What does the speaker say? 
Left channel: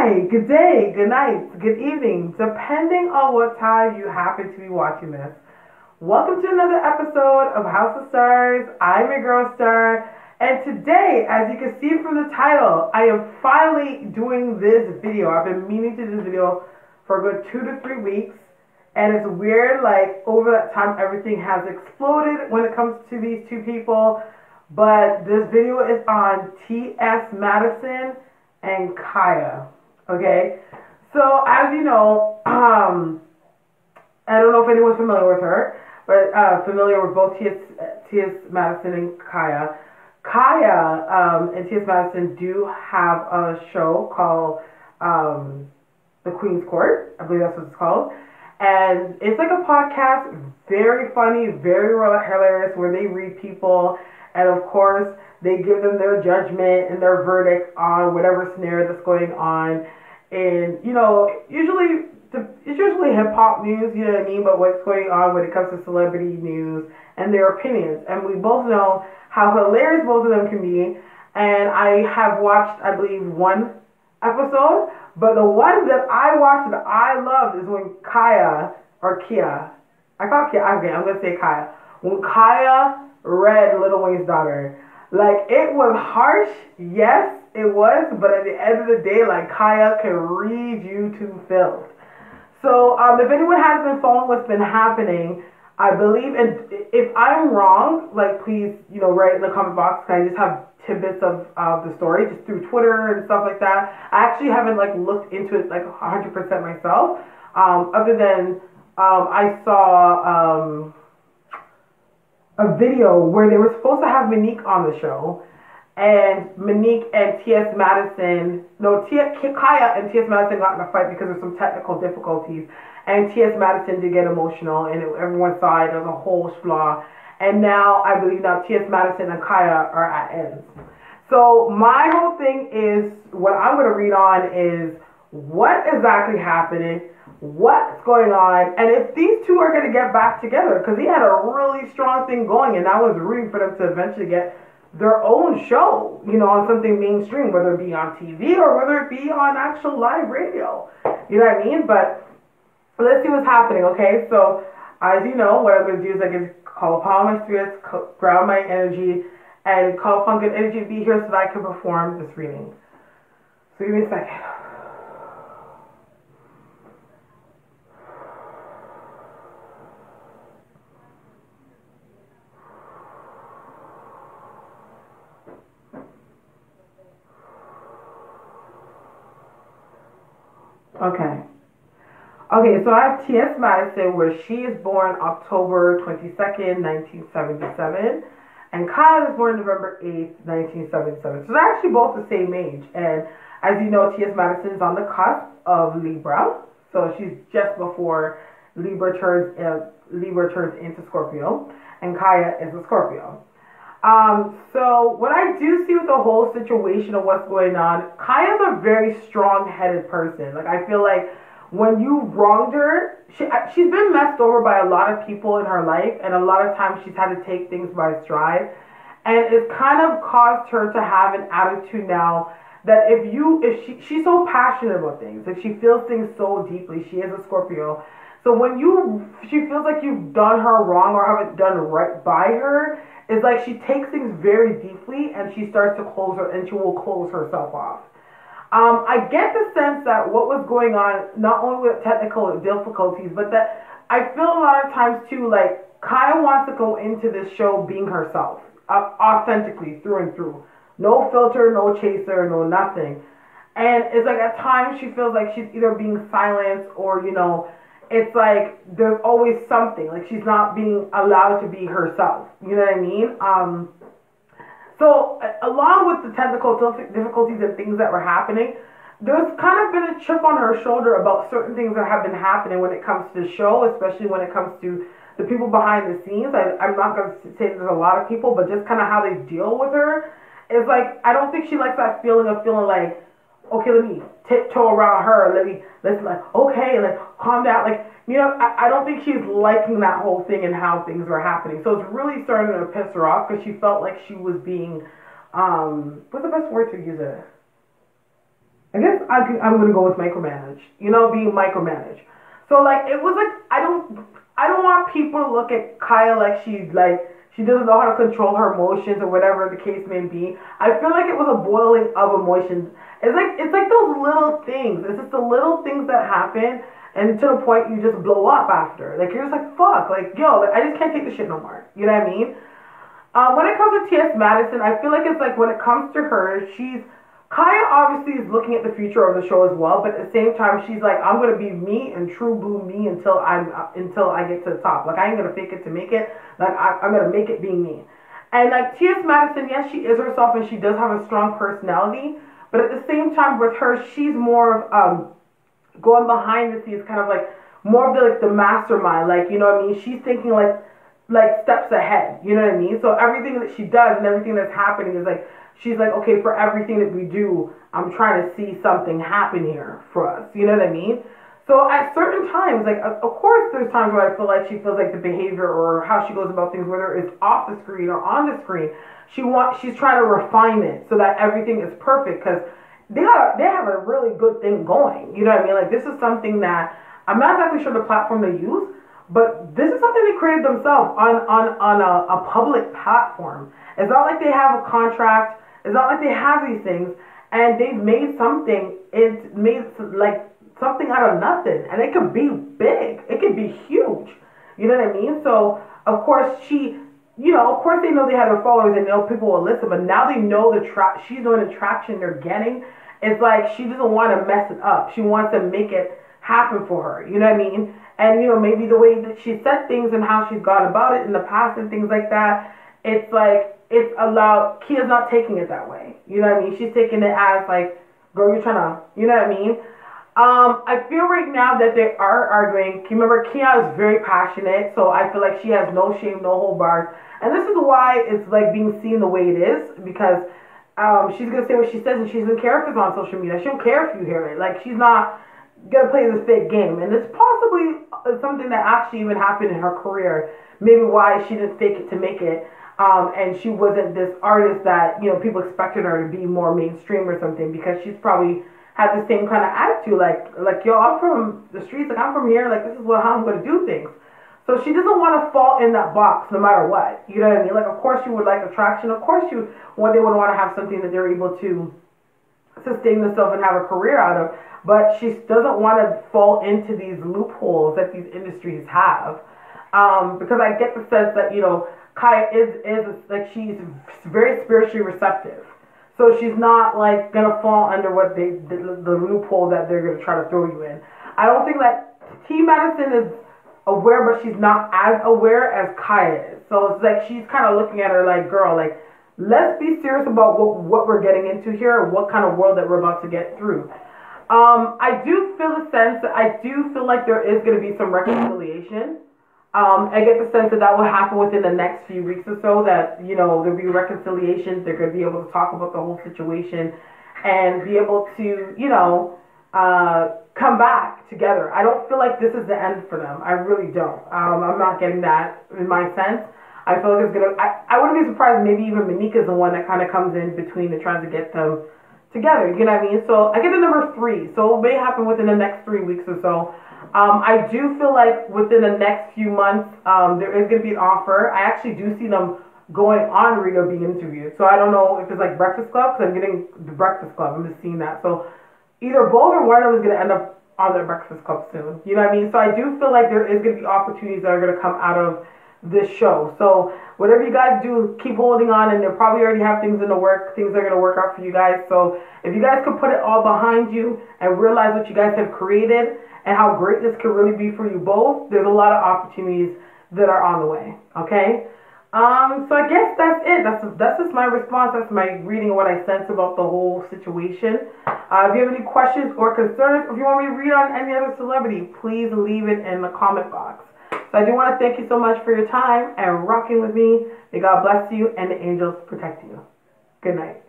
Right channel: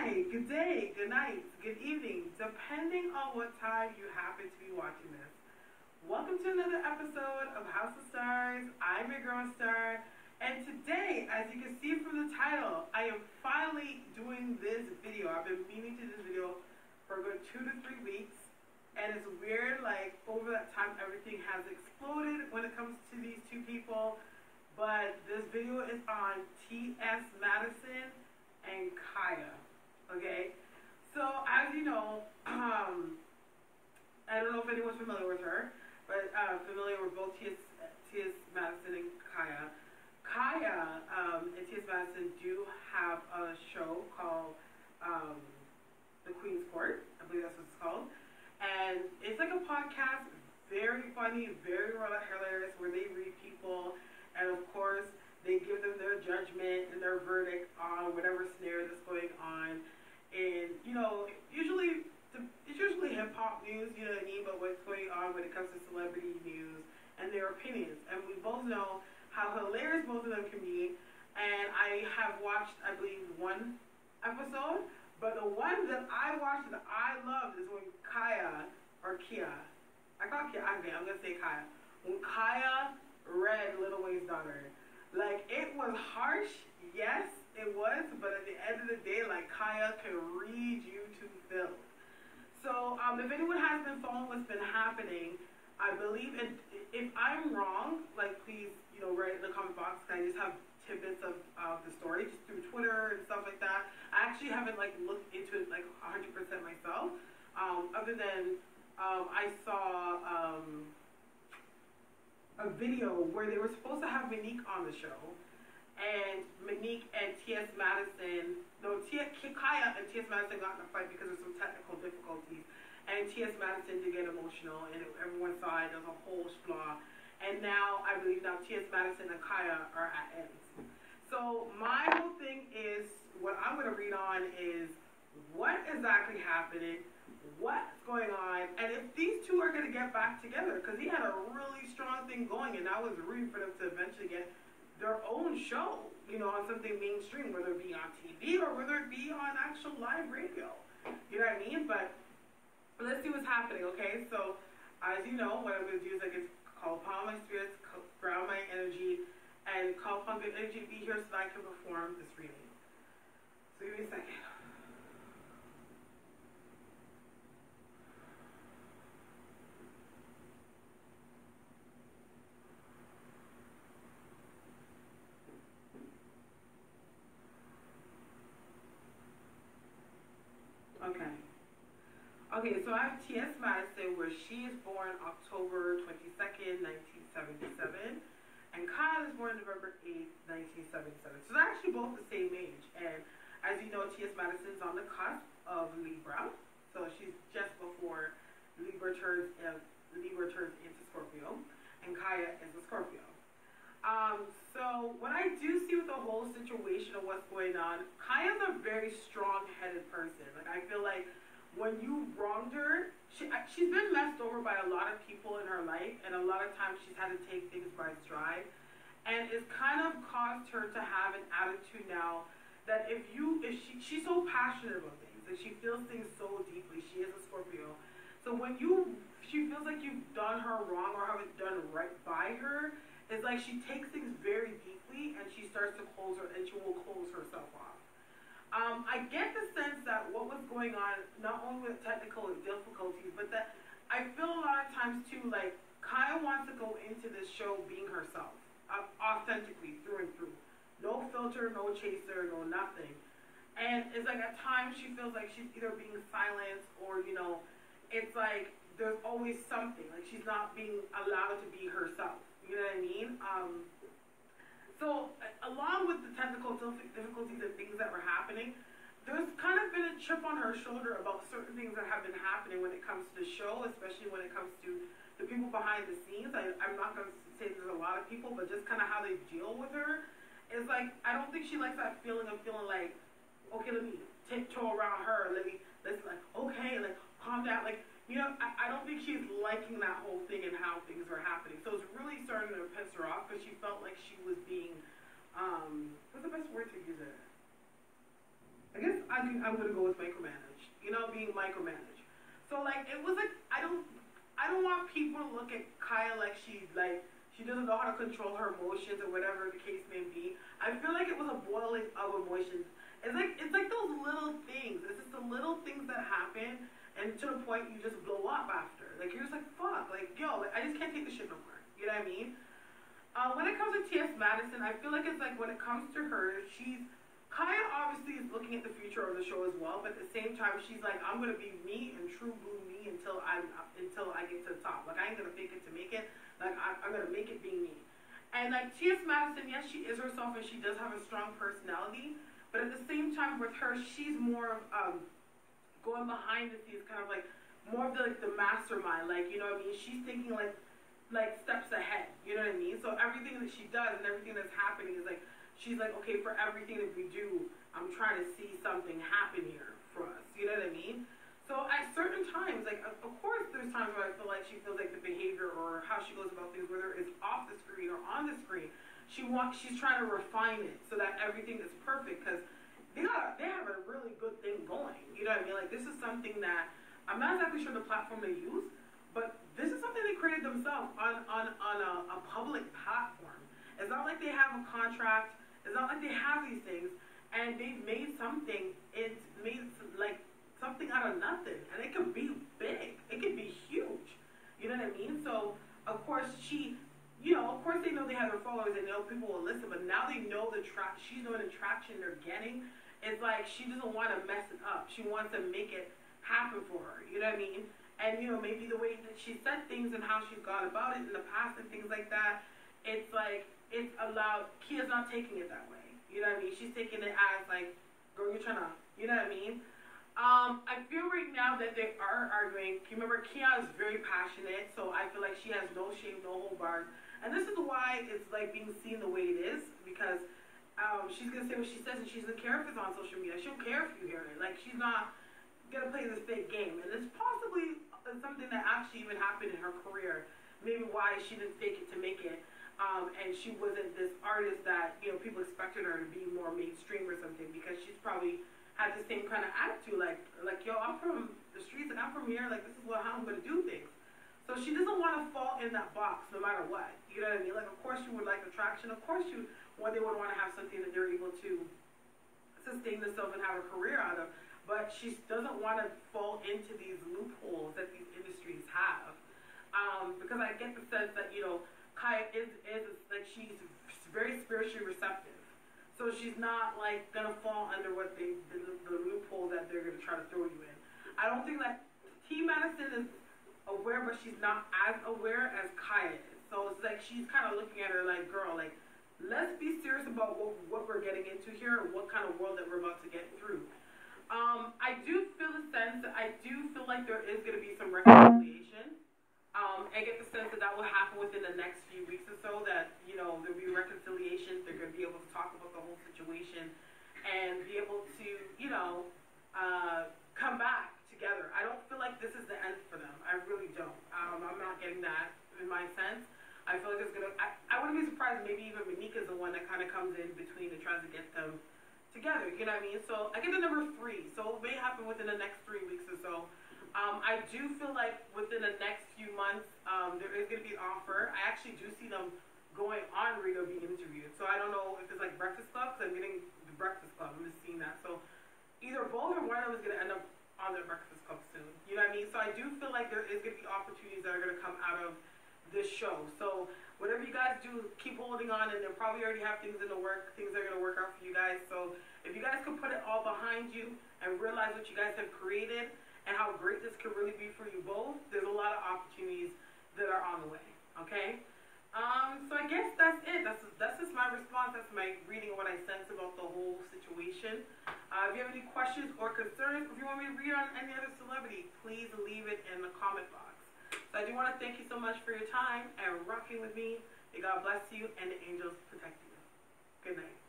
Hi, good day, good night, good evening, depending on what time you happen to be watching this. Welcome to another episode of House of Starres. I'm your girl Starre, and today, as you can see from the title, I am finally doing this video. I've been meaning to do this video for a good 2 to 3 weeks, and it's weird, like, over that time everything has exploded when it comes to these two people, but this video is on T.S. Madison and Khia. Okay, so as you know, I don't know if anyone's familiar with her, but familiar with both T.S. Madison and Khia. Khia and T.S. Madison do have a show called The Queen's Court. I believe that's what it's called. And it's like a podcast, very funny, very hilarious, where they read people, and of course, they give them their judgment and their verdict on whatever scenario that's going on. And, you know, it's usually hip-hop news, you know what I mean, but what's going on when it comes to celebrity news and their opinions. And we both know how hilarious both of them can be. And I have watched, I believe, one episode, but the one that I watched that I loved is when Khia, I call Khia, okay, I'm going to say Khia. When Khia read Little Wayne's daughter. Like, it was harsh, yes, it was, but at the end of the day, like, Khia can read you to filth. So, if anyone has been following what's been happening, I believe, and if I'm wrong, like, please, you know, write in the comment box, because I just have tidbits of the story, just through Twitter and stuff like that. I actually haven't, like, looked into it, like, 100% myself, other than, I saw, a video where they were supposed to have Monique on the show, and Monique and Khia and T.S. Madison got in a fight because of some technical difficulties, and T.S. Madison did get emotional, and everyone saw it as a whole flaw, and now I believe T.S. Madison and Khia are at ends. So my whole thing is, what I'm going to read on is what exactly happening, what's going on, and if these two are going to get back together, because he had a really strong thing going, and I was rooting for them to eventually get their own show, you know, on something mainstream, whether it be on TV or whether it be on actual live radio, you know what I mean? But let's see what's happening, okay? So as you know, what I'm going to do is I can call upon my spirits, ground my energy, and call upon good energy to be here so that I can perform this reading. So give me a second. Okay, so I have T.S. Madison, where she is born October 22nd, 1977, and Khia is born November 8th, 1977. So they're actually both the same age. And as you know, T.S. Madison is on the cusp of Libra, so she's just before Libra turns into Scorpio, and Khia is a Scorpio. So what I do see with the whole situation of what's going on, Khia is a very strong-headed person. Like, I feel like when you wronged her, she's been messed over by a lot of people in her life, and a lot of times she's had to take things by stride, and it's kind of caused her to have an attitude now that she's so passionate about things, like, she feels things so deeply. She is a Scorpio, so when she feels like you've done her wrong or haven't done right by her, it's like she takes things very deeply, and she starts to she will close herself off. I get the sense that what was going on, not only with technical difficulties, but that I feel a lot of times too, like, Khia wants to go into this show being herself, authentically, through and through. No filter, no chaser, no nothing. And it's like at times she feels like she's either being silenced or, you know, it's like there's always something, like she's not being allowed to be herself. You know what I mean? So, along with the technical difficulties and things that were happening, there's kind of been a chip on her shoulder about certain things that have been happening when it comes to the show, especially when it comes to the people behind the scenes. I'm not going to say there's a lot of people, but just kind of how they deal with her. It's like, I don't think she likes that feeling of feeling like, okay, let me tiptoe around her, let's like, okay, like, calm down, like, you know, I don't think she's liking that whole thing and how things were happening. So it's really starting to piss her off because she felt like she was being, what's the best word to use it? I guess I'm gonna go with micromanage. You know, being micromanaged. So like it was like I don't want people to look at Khia like she doesn't know how to control her emotions or whatever the case may be. I feel like it was a boiling of emotions. It's like those little things. It's just the little things that happen, and to the point you just blow up after. Like you're just like fuck, like yo, like, I just can't take the shit no more. You know what I mean? When it comes to T.S. Madison, I feel like it's like when it comes to her, Khia obviously is looking at the future of the show as well, but at the same time, she's like, I'm gonna be me and true blue me until I get to the top. Like I ain't gonna fake it to make it. Like I'm gonna make it being me. And like T.S. Madison, yes, she is herself and she does have a strong personality, but at the same time, with her, she's more of going behind the scenes, kind of like more of the mastermind. Like you know what I mean? She's thinking like steps ahead. You know what I mean? So everything that she does and everything that's happening is like she's like, okay, for everything that we do, I'm trying to see something happen here for us. You know what I mean? So at certain times, like of course there's times where I feel like she feels like the behavior or how she goes about things, whether it's off the screen or on the screen, she's trying to refine it so that everything is perfect because they have a really good thing going. You know what I mean? Like this is something that I'm not exactly sure the platform they use, but this is something they created themselves on a public platform. It's not like they have a contract. It's not like they have these things, and they've made something. It's made like something out of nothing, and it could be big. It could be huge. You know what I mean? So of course of course they know they have their followers and know people will listen, but now they know she's knowing the traction they're getting. It's like she doesn't want to mess it up. She wants to make it happen for her. You know what I mean? And maybe the way that she said things and how she's gone about it in the past and things like that, it's like it's allowed. Khia's not taking it that way. You know what I mean? She's taking it as like, girl, you're trying to, you know what I mean? I feel right now that they are arguing. Remember, Khia is very passionate, so I feel like she has no shame, no hold bars. And this is why it's like being seen the way it is, because she's gonna say what she says, and she doesn't care if it's on social media. She don't care if you hear it. Like she's not gonna play this fake game, and it's possibly something that actually even happened in her career. Maybe why she didn't fake it to make it, and she wasn't this artist that people expected her to be more mainstream or something, because she's probably had the same kind of attitude, like yo, I'm from the streets, like I'm from here, like this is how I'm gonna do things. So she doesn't want to fall in that box no matter what. You know what I mean? Like of course you would like attraction, of course they would want to have something that they're able to sustain themselves and have a career out of. But she doesn't want to fall into these loopholes that these industries have, because I get the sense that Khia is like she's very spiritually receptive, so she's not like gonna fall under what the loophole that they're gonna try to throw you in. I don't think that T. Madison is aware, but she's not as aware as Khia is. So it's like she's kind of looking at her like, girl, like let's be serious about what we're getting into here, or what kind of world that we're about to get through. I do feel the sense that I do feel like there is going to be some reconciliation. I get the sense that will happen within the next few weeks or so, that, there'll be reconciliation. They're going to be able to talk about the whole situation and be able to, come back together. I don't feel like this is the end for them. I really don't. I'm not getting that in my sense. I feel like it's going to, I wouldn't be surprised maybe even Monika's the one that kind of comes in between and tries to get them together, you know what I mean? So I get the number 3, so it may happen within the next 3 weeks or so. I do feel like within the next few months, there is going to be an offer. I actually do see them going on Riga being interviewed. So I don't know if it's like Breakfast Club, because I'm getting the Breakfast Club. I'm just seeing that. So either both or one of them is going to end up on the Breakfast Club soon. You know what I mean? So I do feel like there is going to be opportunities that are going to come out of this show. So whatever you guys do, keep holding on, and they'll probably already have things in the work. Things are going to work out for you guys. So if you guys could put it all behind you and realize what you guys have created and how great this could really be for you both, there's a lot of opportunities that are on the way. Okay? So I guess that's it. That's just my response. That's my reading of what I sense about the whole situation. If you have any questions or concerns, if you want me to read on any other celebrity, please leave it in the comment box. So I do want to thank you so much for your time and rocking with me. May God bless you and the angels protect you. Good night.